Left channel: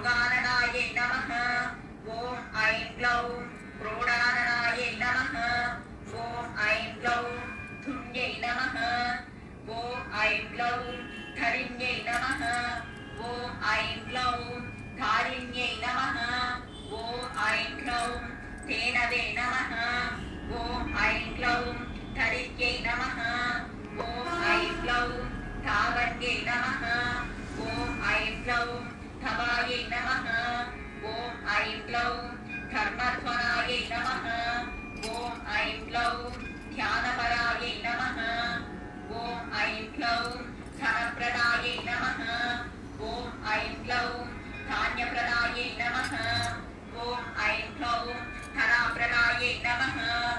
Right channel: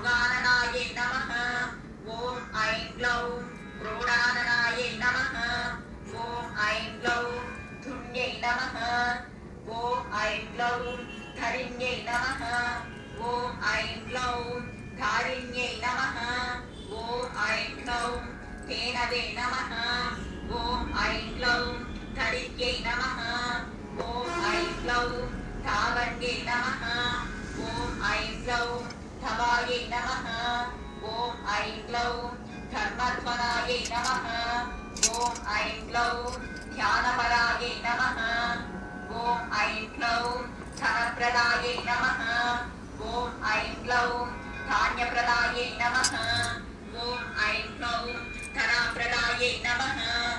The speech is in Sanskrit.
मृगाननायै नमः। ॐ ऐं ग्लौं क्रोडाननायै नमः। ॐ ऐं ग्लौं धुन्यै नमः। ॐ ऐं ग्लौं धरिण्यै नमः। ॐ ऐं ग्लौं धारिण्यै नमः। ॐ ऐं ग्लौं धेनवे नमः। ॐ ऐं ग्लौं धरित्यै नमः। ॐ ऐं ग्लौं धावन्यै नमः। ॐ ऐं ग्लौं धवायै नमः। ॐ ऐं ग्लौं धर्मध्वनायै नमः। ॐ ऐं ग्लौं ध्यानपरायै नमः। ॐ ऐं ग्लौं धनप्रदायै नमः। ॐ ऐं ग्लौं धान्यप्रदायै नमः। ॐ ऐं ग्लौं धनाप्रदायै नमः।